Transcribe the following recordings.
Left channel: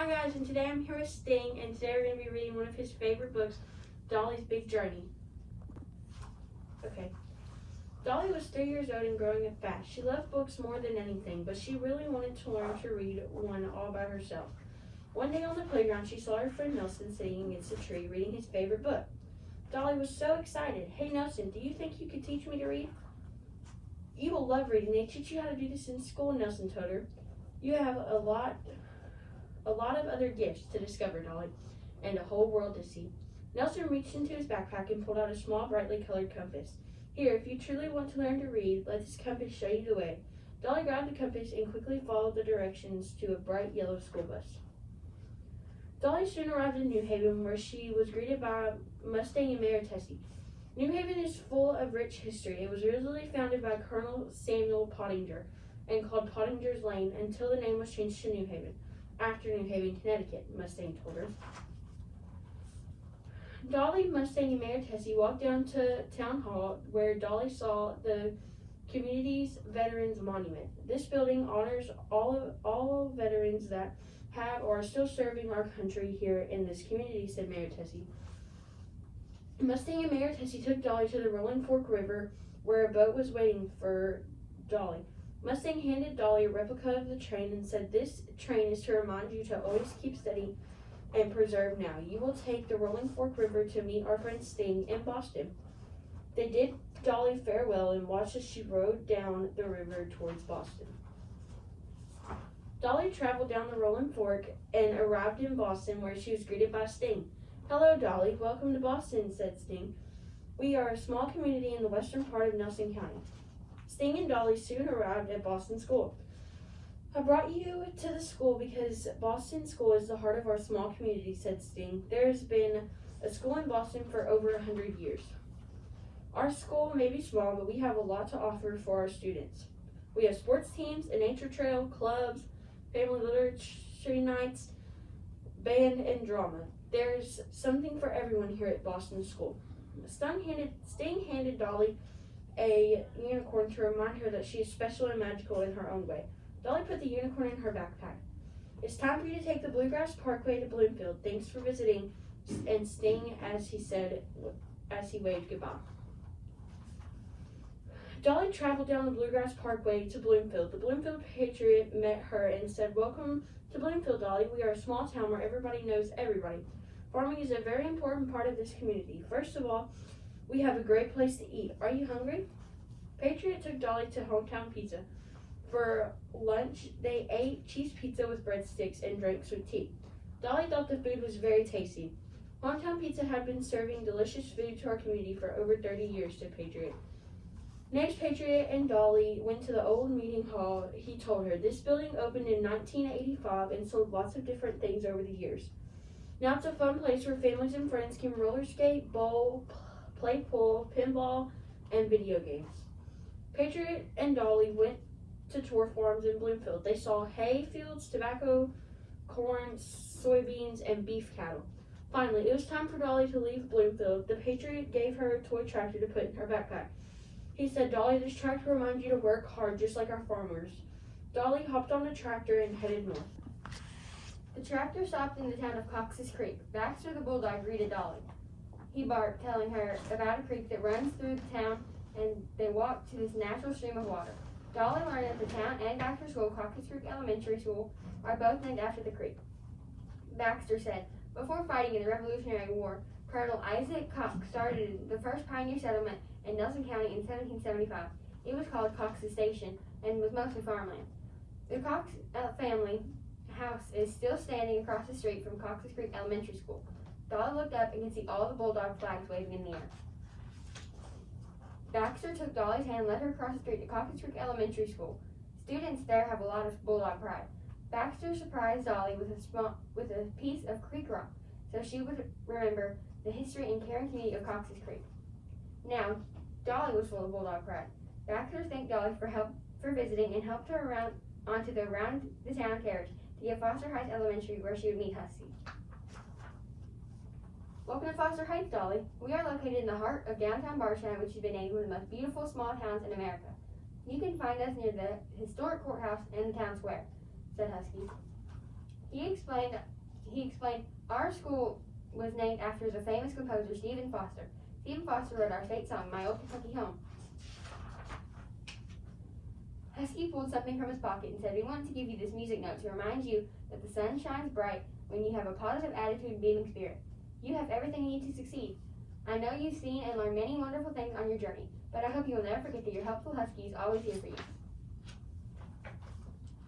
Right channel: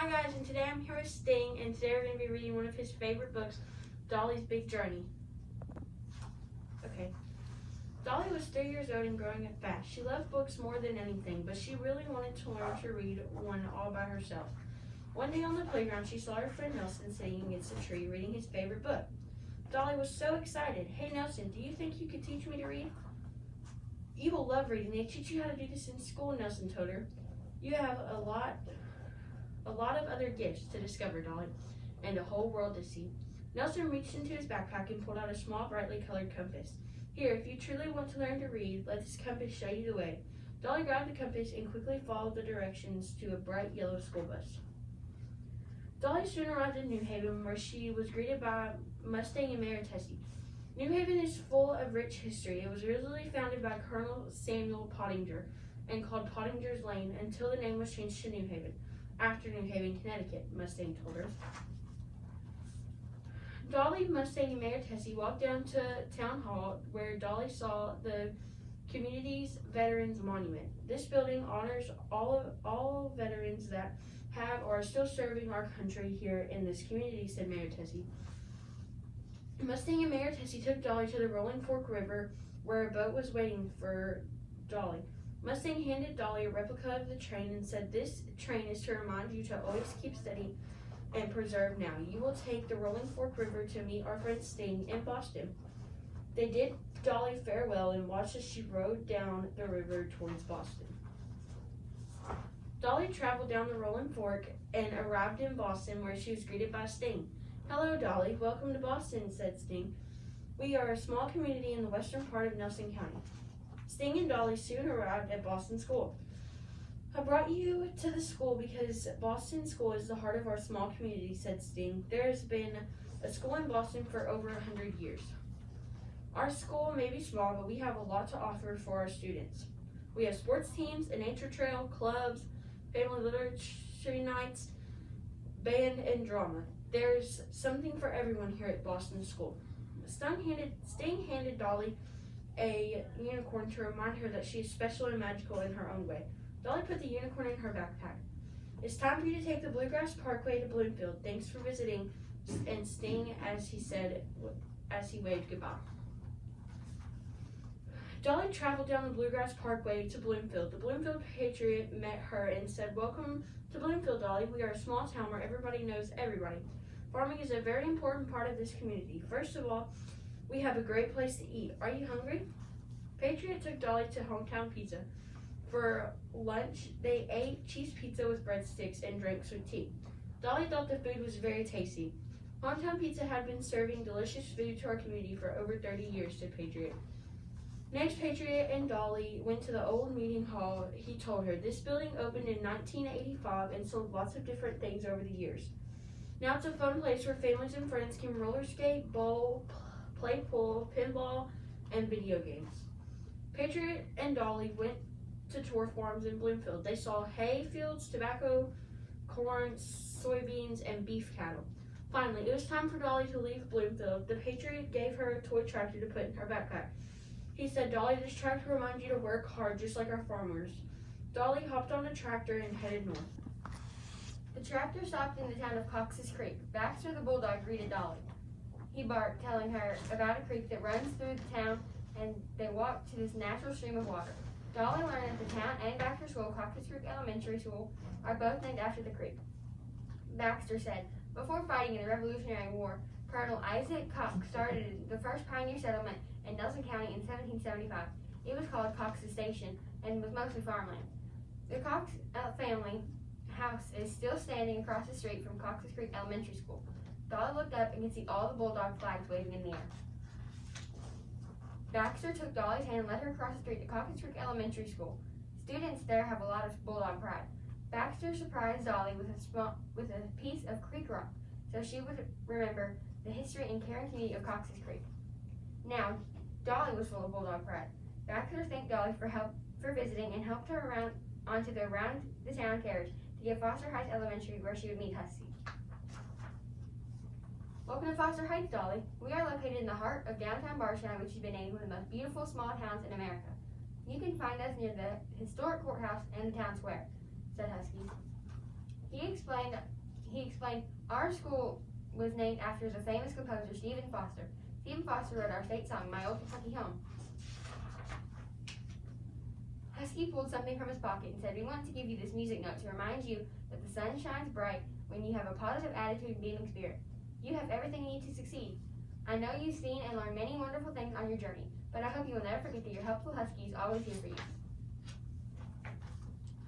Hi guys, and today I'm here with Sting, and today we're going to be reading one of his favorite books, Dolly's Big Journey. Okay. Dolly was 3 years old and growing up fast. She loved books more than anything, but she really wanted to learn to read one all by herself. One day on the playground, she saw her friend Nelson sitting against a tree reading his favorite book. Dolly was so excited. "Hey Nelson, do you think you could teach me to read?" "You will love reading. They teach you how to do this in school," Nelson told her. "You have a lot of other gifts to discover, Dolly, and a whole world to see." Nelson reached into his backpack and pulled out a small, brightly colored compass. "Here, if you truly want to learn to read, let this compass show you the way." Dolly grabbed the compass and quickly followed the directions to a bright yellow school bus. Dolly soon arrived in New Haven, where she was greeted by Mustang and Mayor Tessie. New Haven is full of rich history. It was originally founded by Colonel Samuel Pottinger and called Pottinger's Lane until the name was changed to New Haven, after New Haven, Connecticut, Mustang told her. Dolly, Mustang, and Mayor Tessie walked down to Town Hall, where Dolly saw the community's Veterans Monument. This building honors all veterans that have or are still serving our country here in this community, said Mayor Tessie. Mustang and Mayor Tessie took Dolly to the Rolling Fork River, where a boat was waiting for Dolly. Mustang handed Dolly a replica of the train and said, "This train is to remind you to always keep steady and preserve now. You will take the Rolling Fork River to meet our friend Sting in Boston." They did Dolly farewell and watched as she rode down the river towards Boston. Dolly traveled down the Rolling Fork and arrived in Boston, where she was greeted by Sting. "Hello, Dolly. Welcome to Boston," said Sting. "We are a small community in the western part of Nelson County." Sting and Dolly soon arrived at Boston School. "I brought you to the school because Boston School is the heart of our small community," said Sting. "There has been a school in Boston for over 100 years. Our school may be small, but we have a lot to offer for our students. We have sports teams, a nature trail, clubs, family literature nights, band, and drama. There's something for everyone here at Boston School." Sting handed Dolly a unicorn to remind her that she is special and magical in her own way. Dolly put the unicorn in her backpack. "It's time for you to take the Bluegrass Parkway to Bloomfield. Thanks for visiting," and Sting as he waved goodbye. Dolly traveled down the Bluegrass Parkway to Bloomfield. The Bloomfield Patriot met her and said, "Welcome to Bloomfield, Dolly. We are a small town where everybody knows everybody. Farming is a very important part of this community. First of all, we have a great place to eat. Are you hungry?" Patriot took Dolly to Hometown Pizza. For lunch, they ate cheese pizza with breadsticks and drank sweet tea. Dolly thought the food was very tasty. "Hometown Pizza had been serving delicious food to our community for over 30 years, said Patriot. Next, Patriot and Dolly went to the old meeting hall. He told her, "This building opened in 1985 and sold lots of different things over the years. Now it's a fun place where families and friends can roller skate, bowl, play pool, pinball, and video games." Patriot and Dolly went to tour farms in Bloomfield. They saw hay fields, tobacco, corn, soybeans, and beef cattle. Finally, it was time for Dolly to leave Bloomfield. The Patriot gave her a toy tractor to put in her backpack. He said, "Dolly, this tractor reminds you to work hard just like our farmers." Dolly hopped on the tractor and headed north. The tractor stopped in the town of Cox's Creek. Baxter the bulldog greeted Dolly. He barked, telling her about a creek that runs through the town, and they walked to this natural stream of water. Dolly learned that the town and Baxter School, Cox's Creek Elementary School, are both named after the creek. Baxter said, "Before fighting in the Revolutionary War, Colonel Isaac Cox started the first pioneer settlement in Nelson County in 1775. It was called Cox's Station and was mostly farmland. The Cox family house is still standing across the street from Cox's Creek Elementary School." Dolly looked up and could see all the bulldog flags waving in the air. Baxter took Dolly's hand and led her across the street to Cox's Creek Elementary School. Students there have a lot of bulldog pride. Baxter surprised Dolly with a piece of creek rock, so she would remember the history and caring community of Cox's Creek. Now, Dolly was full of bulldog pride. Baxter thanked Dolly for visiting and helped her around onto the round the town carriage to get Foster Heights Elementary, where she would meet Hussie. "Welcome to Foster Heights, Dolly. We are located in the heart of downtown Bardstown, which has been named one of the most beautiful small towns in America. You can find us near the historic courthouse and the town square," said Husky. He explained our school was named after the famous composer Stephen Foster. Stephen Foster wrote our state song, My Old Kentucky Home. Husky pulled something from his pocket and said, we wanted to give you this music note to remind you that the sun shines bright when you have a positive attitude and beaming spirit. You have everything you need to succeed. I know you've seen and learned many wonderful things on your journey, but I hope you will never forget that your helpful Husky is always here for you.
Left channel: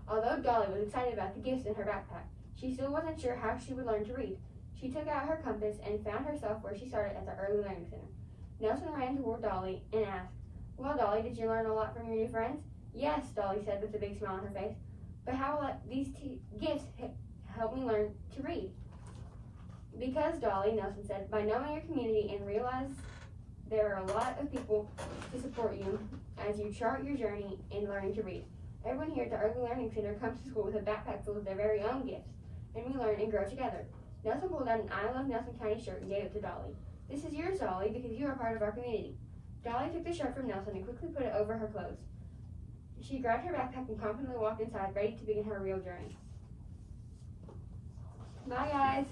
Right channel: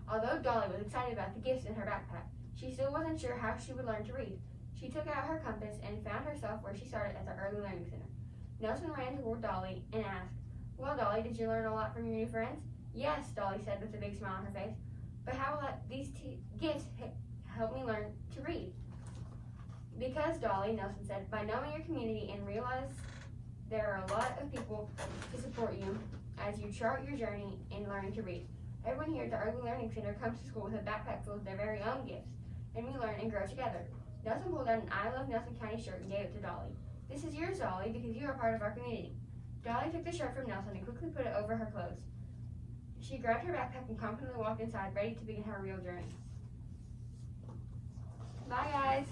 Although Dolly was excited about the gifts in her backpack, she still wasn't sure how she would learn to read. She took out her compass and found herself where she started at the Early Learning Center. Nelson ran toward Dolly and asked, well, Dolly, did you learn a lot from your new friends? Yes, Dolly said with a big smile on her face. But how will these gifts help me learn to read? Because, Dolly, Nelson said, by knowing your community and realize there are a lot of people to support you as you chart your journey in learning to read. Everyone here at the Early Learning Center comes to school with a backpack full of their very own gifts, and we learn and grow together. Nelson pulled out an I Love Nelson County shirt and gave it to Dolly. This is yours, Dolly, because you are part of our community. Dolly took the shirt from Nelson and quickly put it over her clothes. She grabbed her backpack and confidently walked inside, ready to begin her real journey. Bye, guys.